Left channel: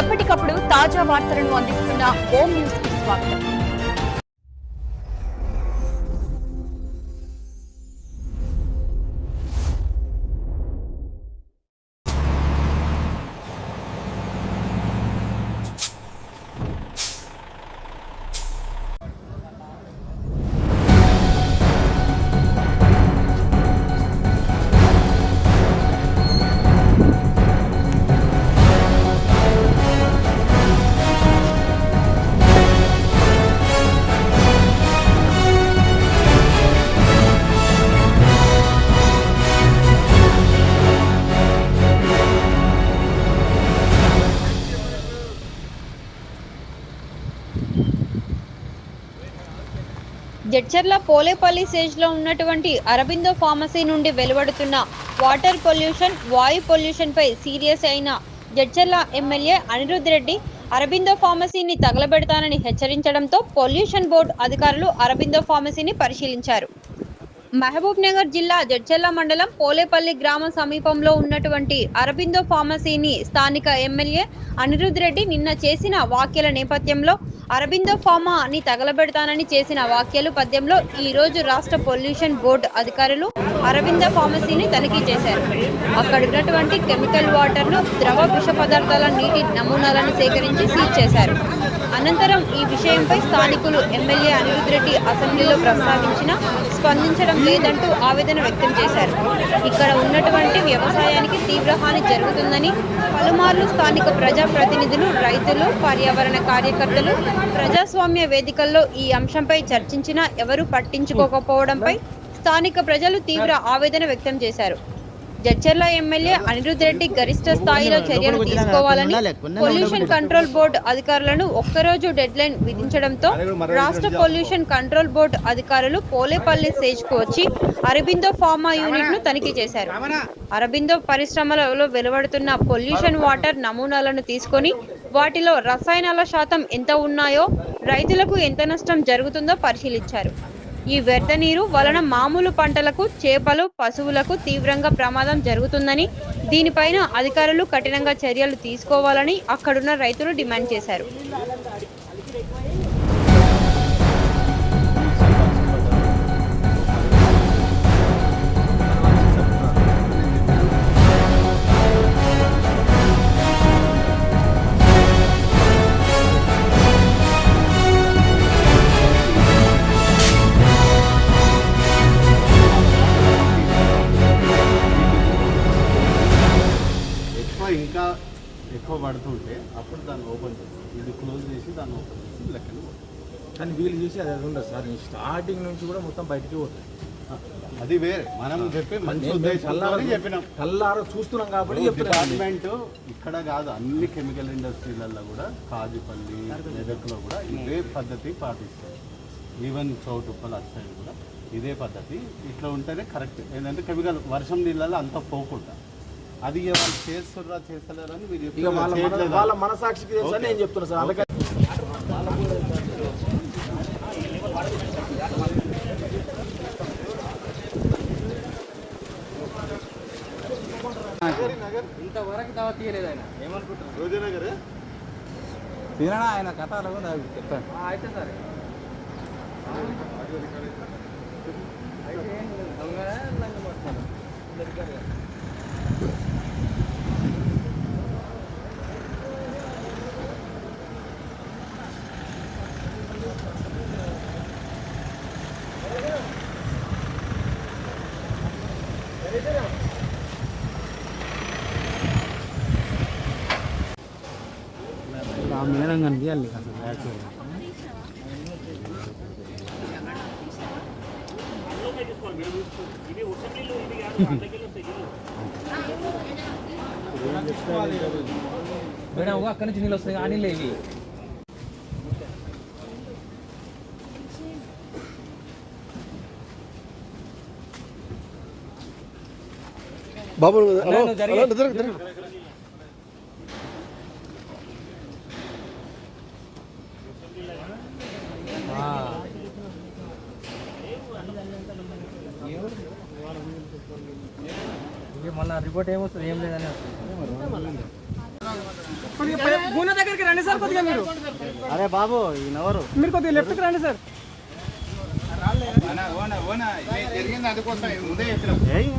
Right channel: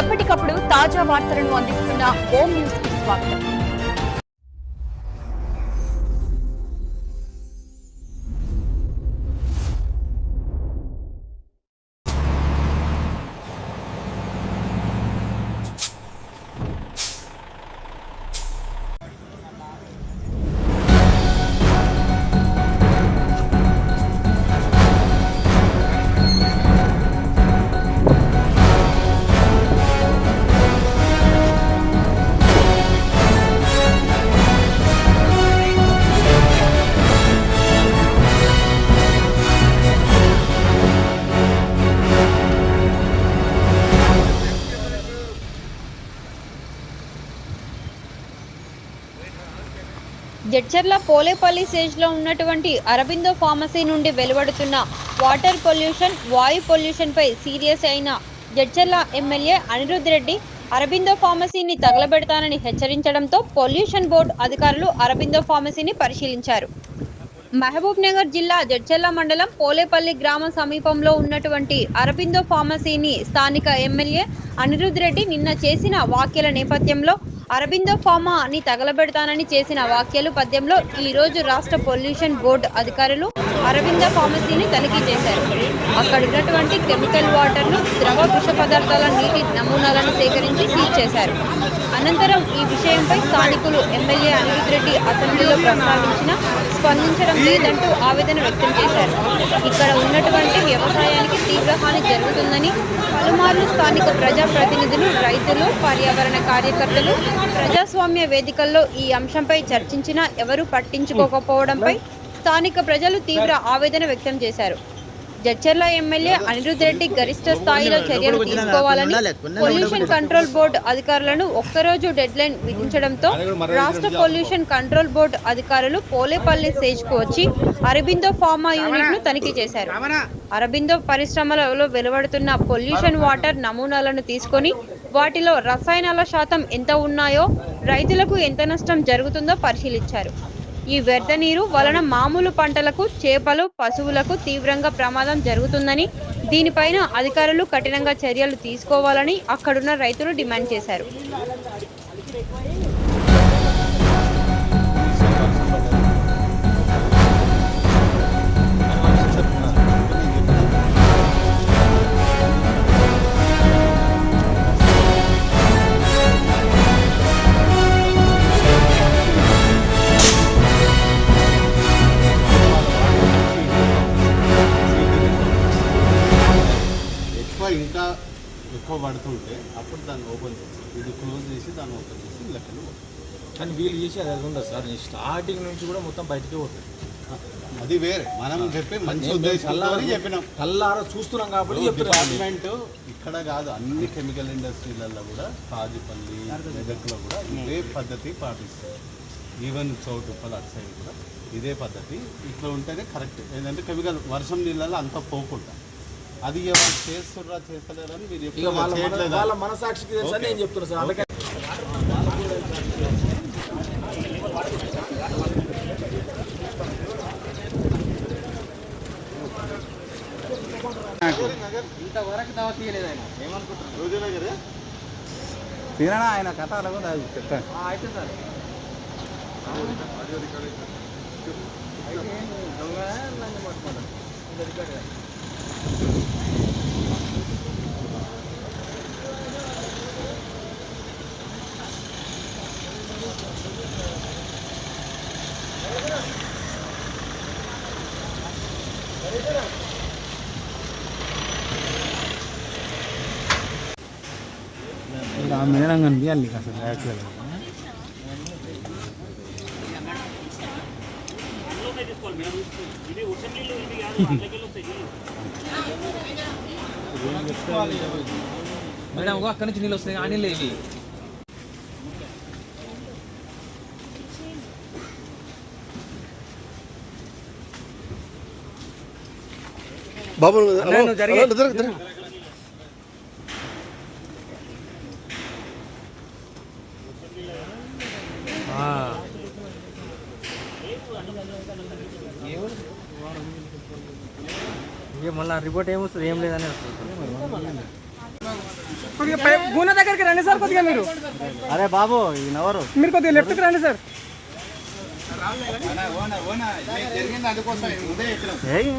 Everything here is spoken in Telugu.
ఎప్పటికప్పుడు తాజా వార్తలను అందిస్తున్న ఓం న్యూస్కి స్వాగతం. జడ్చర్ల పోలేపల్లి స్టేజ్లో ఉన్నటువంటి అరబిందో ఫార్మసీ నుండి వెలువడుతున్న వాటర్ పొల్యూషన్ వాయు పొల్యూషన్ పై సీరియస్ అయిన జడ్చర్ల ఎమ్మెల్యే అనిరుద్ రెడ్డి అరబిందో ఫార్మసీని తగలబెడతానని హెచ్చరించడంతో పొల్యూషన్ బోర్డు అధికారులు అరబిందో ఫార్మసీని పరిశీలించారు. మహబూబ్ నగర్ జిల్లా జడ్చర్ల మండలం పోలేపల్లి గ్రామం సమీపంలో ఉన్నటువంటి అరబిందో ఫార్మసీని స్థానిక ఎమ్మెల్యే అనిరుద్ రెడ్డి నిన్న చేసిన వ్యాఖ్యల నేపథ్యంలో అరబిందో ఫార్మాని తగలబెడతానని చేసిన వ్యాఖ్యలు పద్యంలో ఈ రోజు రాష్ట్ర పొల్యూషన్ బోర్డు అధికారులు అరవింద ఫార్మసీని తనిఖీ చేశారు. అక్కడ ఉన్నటువంటి కెమికల్ వాటర్ను ద్రవ విష పదార్థాల నీటి నమూనాలను సేకరించి సీజ్ చేశారు. అనంతరం ఈ విషయంపై స్థానికులు ఎమ్మెల్యే అనిరుద్ రెడ్డి అసెంబ్లీలో ప్రస్తావించిన స్పందించడం లేదంటూ ఆవేదన వ్యక్తం చేశారు. ఇక్కడ ఉన్నటువంటి వ్యవసాయానికి తీవ్ర హాని జరుగుతుందని పలుమార్లు స్థానిక ప్రజా ప్రతినిధులు రైతులు పర్యావరణ కార్యకర్తలు ప్రజాస్వామ్య వేదికల్లో ఈ అంశంపై చర్చించినా ఎవరూ పట్టించుకోకపోవడంపై స్థానిక ప్రజలు తీవ్ర ఆవేదన వ్యక్తం చేశారు. జడ్చర్ల ఎమ్మెల్యే అనిరుద్ రెడ్డి గరిష్ట స్థాయిలో చర్యలు తీసుకోవాలని పొల్యూషన్ కంట్రోల్ బోర్డు అధికారులను ఒక్కరోజు డెడ్ లైన్ విధించడంతో రాష్ట్ర పొల్యూషన్ కంట్రోల్ బోర్డు అధికారులు పోలేపల్లి స్టేజ్ వచ్చి అరబిందో ఫార్మా యూనిట్ను తనిఖీ చేశారు. అరబిందో పరిశ్రమలలో వెలువడుతున్న పొల్యూషన్ వాటర్ నమూనాలను తీసుకొని వాటిలో రసాయనాల శాతం ఎంత ఉన్నాయో రైతులకు ఎంత నష్టం జరుగుతుందో పరిశీలించారు. ఈ వ్యర్థ నీరు వలన మామూలు పంటలకు చేపలు పశువులకు తీవ్రంగా ప్రమాదం జరుగుతుందని దీనిపైన అధికారులు కఠినంగా చర్యలు తీసుకోవాలని అక్కడున్న రైతులు డిమాండ్ చేశారు. ఇంకా ఎక్కువ పడుతుంటే అప్పుడు దాన్ని ఓపెన్ చేసి ఇది క్లోజ్ చేసి దాన్ని ఓపెన్ చేసి లెక్కలు. కానీ వీళ్ళు చేసి అది అది ఉండదు సార్. స్టార్టింగ్ నుంచి కూడా మొత్తం బయటికి పోతుంది అది వేరే. మనం చెప్పి మంచి ఉద్దేశంతో చెప్పినాం. కల్లారా చూస్తున్నాం కాబట్టి. డిపార్ట్మెంట్ ఇక్కడ కాదు అన్ని కెమికల్ ఇండస్ట్రీలలో కూడా కాజుపల్లి మెదక్లో కూడా ఇదే పద్ధతి పాటిస్తారు. ఈవెన్ చౌటుప్పల్ అటు సైడ్ కూడా ఇదే పద్ధతి. ఇట్లా ఉంటేనే కరెక్ట్ ఏంటంటే కెమికల్ వర్షం నీళ్ళలో అంత పోకుండా. అది వాళ్ళు చేస్తుర్రా చేస్తలేరా అని మీరు చెప్తున్నారు, వాళ్ళ మనసాక్షికి తెలుసా ఓకే. నేను చెప్తున్నా సార్. అందుకని తినడా ఆయన కథలో చెప్పాను. ఆ మేడం కనిపించాలి నీకు అసలు యాక్చువల్గా మేడం అక్కడి నుంచి నీళ్ళు వస్తాయి. ఆ నీళ్ళు బాబు మళ్ళీ రిపోర్ట్ ఏమొస్తుంది ఏం లేదని గూనె దగ్గరికి రండి సార్ కొద్దిగా మీరు. అరే బాబు ఈయనెవరు? మీరు కొద్దిగా లెఫ్ట్కి రండి సార్. ఏయ్,